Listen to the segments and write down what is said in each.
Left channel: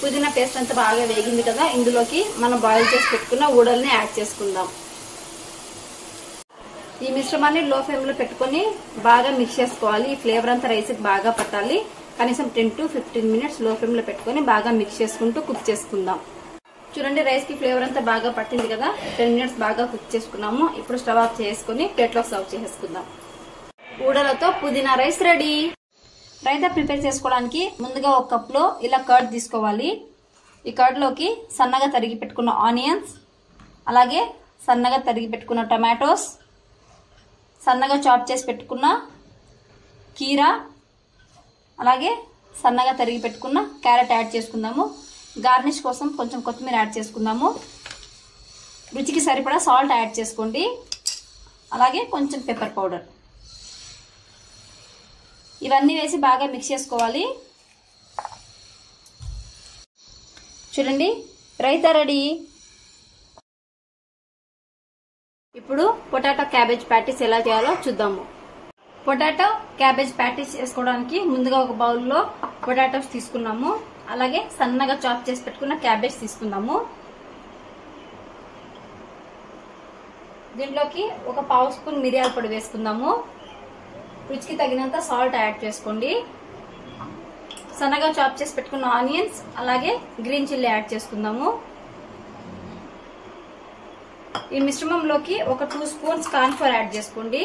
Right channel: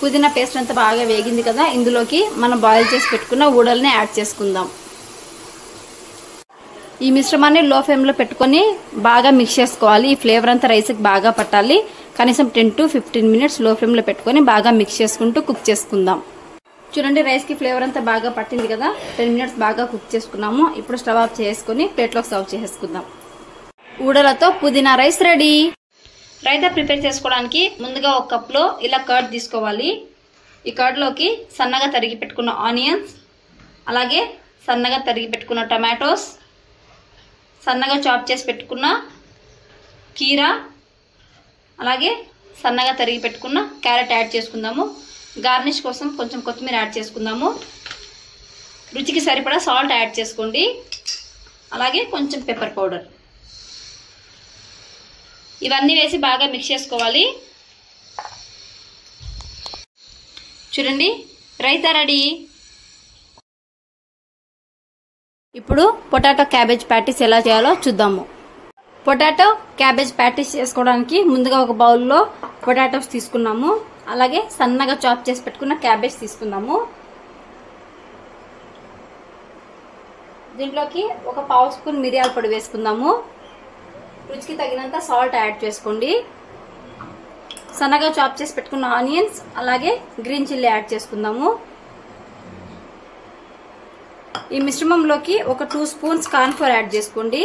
పుదీనా పేస్ట్ అంతా బాగా వేగింది కదా, ఇందులోకి మనం బాయిల్ చేసి పెట్టుకున్న ఊడల్ని యాడ్ చేసుకుందాం. ఈ మిశ్రమాన్ని లో ఫ్లేమ్ లో పెట్టుకుని బాగా మిక్స్ చేసుకోవాలి. ఈ ఫ్లేవర్ అంతా రైస్ కి బాగా పట్టాలి. కనీసం 10 to 15 మినిట్స్ లో ఫ్లేమ్ లో పెట్టుకుని బాగా మిక్స్ చేసుకుంటూ కుక్ చేసుకుందాం. చూడండి, రైస్ కి ఫ్లేవర్ అంతా బాగా పట్టింది కదా. 10 మినిట్స్ బాగా కుక్ చేసుకున్నాము. ఇప్పుడు స్టవ్ ఆఫ్ చేసుకుని ప్లేట్ లో సర్వ్ చేసుకుందాం. ఊడలతో పుదీనా రైస్ రెడీ. రైతా ప్రిపేర్ చేసుకోవడానికి ముందుగా ఒక కప్ లో ఇలా కర్డ్ తీసుకోవాలి. ఈ కర్డ్ లోకి సన్నగా తరిగి పెట్టుకున్న ఆనియన్స్, అలాగే సన్నగా తరిగి పెట్టుకున్న టమాటోస్, సన్నగా చాప్ చేసి పెట్టుకున్న కీరా, అలాగే సన్నగా తరిగి పెట్టుకున్న క్యారెట్ యాడ్ చేసుకుందాము. గార్నిష్ కోసం కొంచెం కొత్తిమీర యాడ్ చేసుకుందాము. రుచికి సరిపడా సాల్ట్ యాడ్ చేసుకోండి, అలాగే కొంచెం పెప్పర్ పౌడర్. ఇవన్నీ వేసి బాగా మిక్స్ చేసుకోవాలి. చూడండి, రైతా రెడీ. ఇప్పుడు పొటాటో క్యాబేజ్ ప్యాటీస్ ఎలా చేయాలో చూద్దాము. పొటాటో క్యాబేజ్ ప్యాటీస్ చేసుకోవడానికి ముందుగా ఒక బౌల్లో పొటాటోస్ తీసుకున్నాము. అలాగే సన్నగా చాప్ చేసి పెట్టుకున్న క్యాబేజ్ తీసుకుందాము. దీంట్లోకి ఒక పావు స్పూన్ మిరియాల పొడి వేసుకుందాము. రుచికి తగినంత సాల్ట్ యాడ్ చేసుకోండి. సన్నగా చాప్ చేసి పెట్టుకున్న ఆనియన్స్, అలాగే గ్రీన్ చిల్లీ యాడ్ చేసుకుందాము. ఈ మిశ్రమంలోకి ఒక 2 స్పూన్స్ కార్న్ ఫ్లోర్ యాడ్ చేసుకోండి.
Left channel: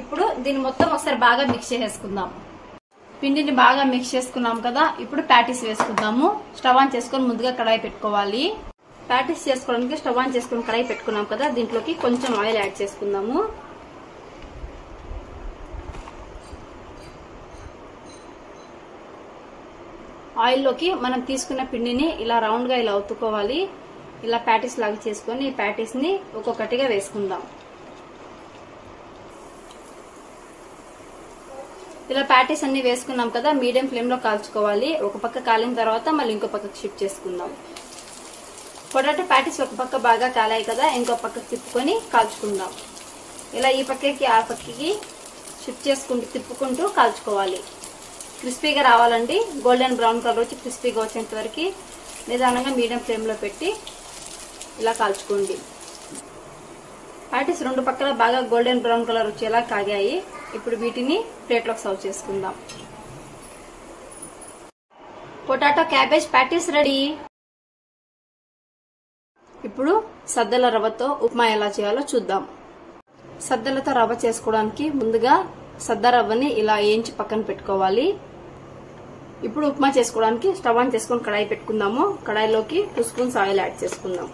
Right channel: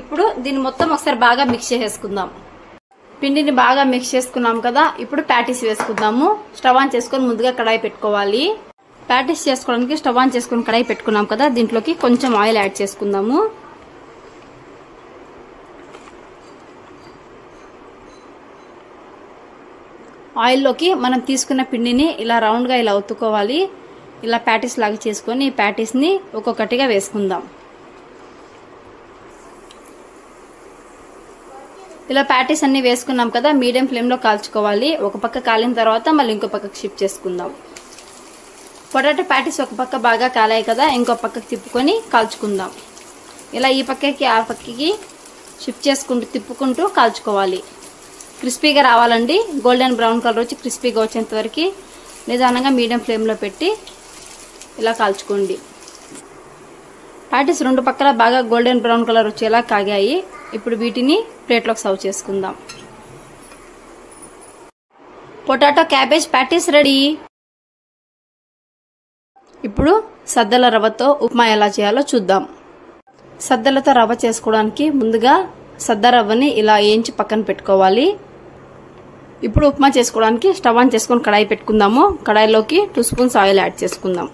ఇప్పుడు దీన్ని మొత్తం ఒకసారి బాగా మిక్స్ చేసుకుందాం. పిండిని బాగా మిక్స్ చేసుకున్నాం కదా. ఇప్పుడు ప్యాటీస్ వేసుకుందాము. స్టవ్ ఆన్ చేసుకొని ముందుగా కడాయి పెట్టుకోవాలి. ప్యాటీస్ చేసుకోవడానికి స్టవ్ ఆన్ చేసుకుని కడాయి పెట్టుకున్నాం కదా. దీంట్లోకి కొంచెం ఆయిల్ యాడ్ చేసుకుందాము. ఆయిల్లోకి మనం తీసుకున్న పిండిని ఇలా రౌండ్ గా ఇలా ఒత్తుకోవాలి. ఇలా ప్యాటీస్ లాగా చేసుకొని ఈ ప్యాటీస్ ని ఒక్కొక్కటిగా వేసుకుందాం. ఇలా ప్యాటీస్ అన్ని వేసుకున్నాం కదా. మీడియం ఫ్లేమ్ లో కాల్చుకోవాలి. ఒక పక్క కాలిన తర్వాత మళ్ళీ ఇంకో పక్కకు షిఫ్ట్ చేసుకుందాం. పొటాటో ప్యాటీస్ ఒక పక్క బాగా కాలాయి కదా, ఇంకో పక్కకు తిప్పుకొని కాల్చుకుందాం. ఇలా ఈ పక్కకి ఆ పక్కకి షిఫ్ట్ చేసుకుంటూ తిప్పుకుంటూ కాల్చుకోవాలి. క్రిస్పీగా రావాలండి. గోల్డెన్ బ్రౌన్ కలర్ వచ్చి క్రిస్పీగా వచ్చేంత వరకు నిదానంగా మీడియం ఫ్లేమ్ లో పెట్టి ఇలా కాల్చుకోండి. ప్యాటీస్ రెండు పక్కల బాగా గోల్డెన్ బ్రౌన్ కలర్ వచ్చేలా కాగాయి. ఇప్పుడు వీటిని ప్లేట్లోకి సర్వ్ చేసుకుందాం. Potato cabbage patties ready. ఇప్పుడు సద్దల రవ్వతో ఉప్మా ఎలా చేయాలో చూద్దాం. సద్దలతో రవ్వ చేసుకోవడానికి ముందుగా సద్ద రవ్వని ఇలా వేయించి పక్కన పెట్టుకోవాలి. ఇప్పుడు ఉప్మా చేసుకోవడానికి స్టవ్ ఆన్ చేసుకొని కడాయి పెట్టుకుందాము. కడాయిలోకి 2 స్పూన్స్ ఆయిల్ యాడ్ చేసుకుందాం.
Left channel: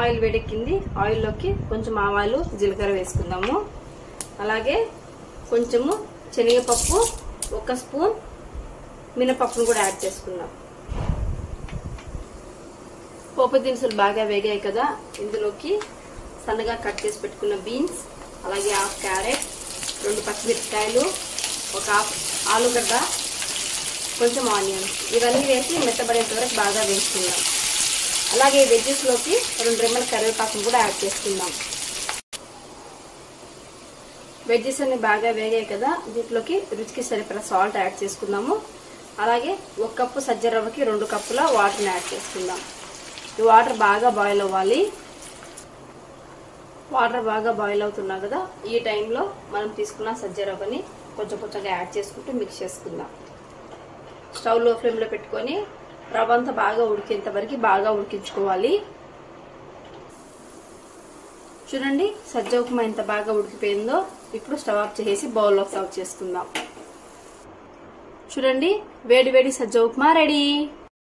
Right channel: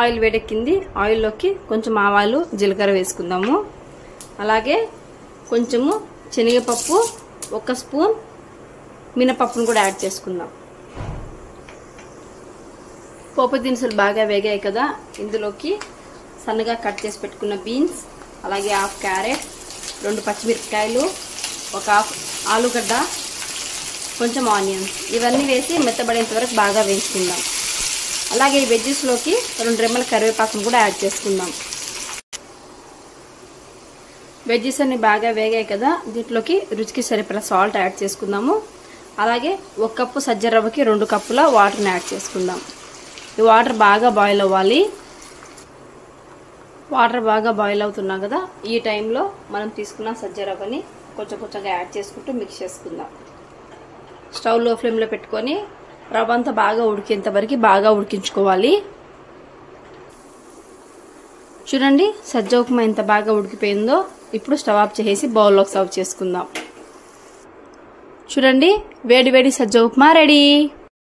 ఆయిల్ వేడెక్కింది. ఆయిల్లోకి కొంచెం ఆవాలు, జీలకర్ర వేసుకుందాము. అలాగే కొంచెము శనగపప్పు, 1 స్పూన్ మినపప్పును కూడా యాడ్ చేసుకుందాం. పోపు దినుసులు బాగా వేగాయి కదా. ఇందులోకి సన్నగా కట్ చేసి పెట్టుకున్న బీన్స్, అలాగే 1/2 క్యారెట్, 2 పచ్చిమిరపకాయలు, 1 ఆలుగడ్డ, కొంచెం ఆనియన్స్ ఇవన్నీ వేసి మెత్తబడేంత వరకు బాగా వేసుకుందాం. అలాగే వెజ్జెస్ లోకి 2 రెమ్మల కరివేపాకును కూడా యాడ్ చేసుకుందాం. వెజ్జెస్ అన్ని బాగా వేగాయి కదా. దీంట్లోకి రుచికి సరిపడా సాల్ట్ యాడ్ చేసుకుందాము. అలాగే 1 కప్పు సజ్జ రవ్వకి 2 కప్పుల వాటర్ని యాడ్ చేసుకుందాం. ఈ వాటర్ బాగా బాయిల్ అవ్వాలి. వాటర్ బాగా బాయిల్ అవుతున్నా కదా, ఈ టైంలో మనం తీసుకున్న సజ్జ రవ్వని కొంచెం కొంచెంగా యాడ్ చేసుకుంటూ మిక్స్ చేసుకుందాం. స్టవ్ లో ఫ్లేమ్ లో పెట్టుకొని రవ్వ అంతా బాగా ఉడికేంత వరకు బాగా ఉడికించుకోవాలి. చూడండి, సజ్జ ఉప్మా ఎంత బాగా ఉడికిపోయిందో. ఇప్పుడు స్టవ్ ఆఫ్ చేసి బౌల్లోకి సర్వ్ చేసుకుందాం. చూడండి, వేడి వేడి సజ్జ ఉప్మా రెడీ.